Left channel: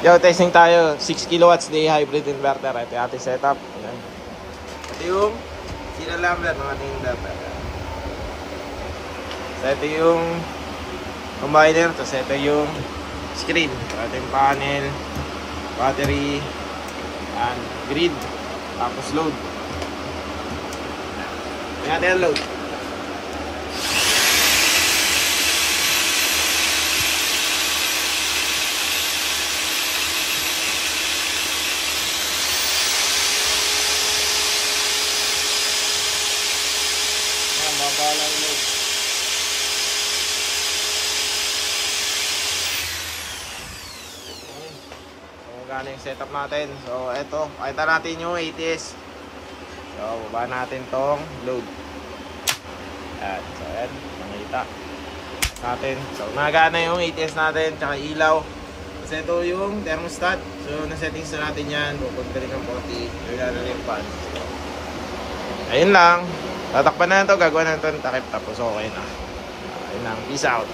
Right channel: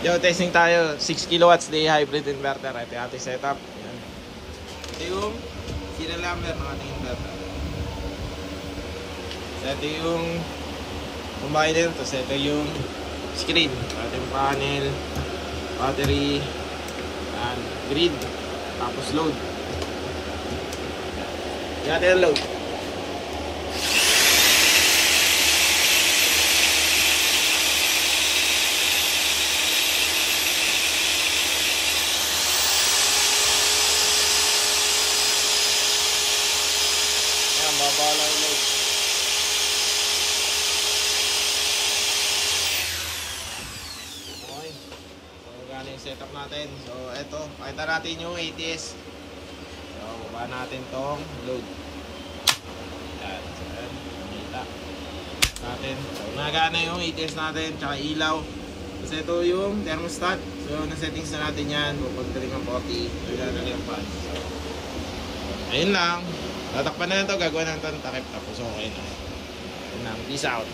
Yo, testing tayo. 6 kilowatts day hybrid inverter. Ito yung ating setup. Ayan. Ito yung sinalambert ng ating inverter. So, ito yung combiner. Tapos ito yung screen. Ating panel, battery, and grid. Tapos load. Tingnan natin ang load. Mababa lang load. Okay. So, gano'n yung setup natin. So, eto. Pakita natin yung ATS. So, baba natin tong load. Ayan. So, ayan. Nakita natin. So, nagana yung ATS natin. Tsaka ilaw. Kasi ito yung thermostat. So, na-settings na natin yan. Pupuntarin ang puti. Nagana yung fan. Ayun lang. Tatakpan na ito, gagawa na ito ng takip, tapos okay na. Ayun lang, peace out.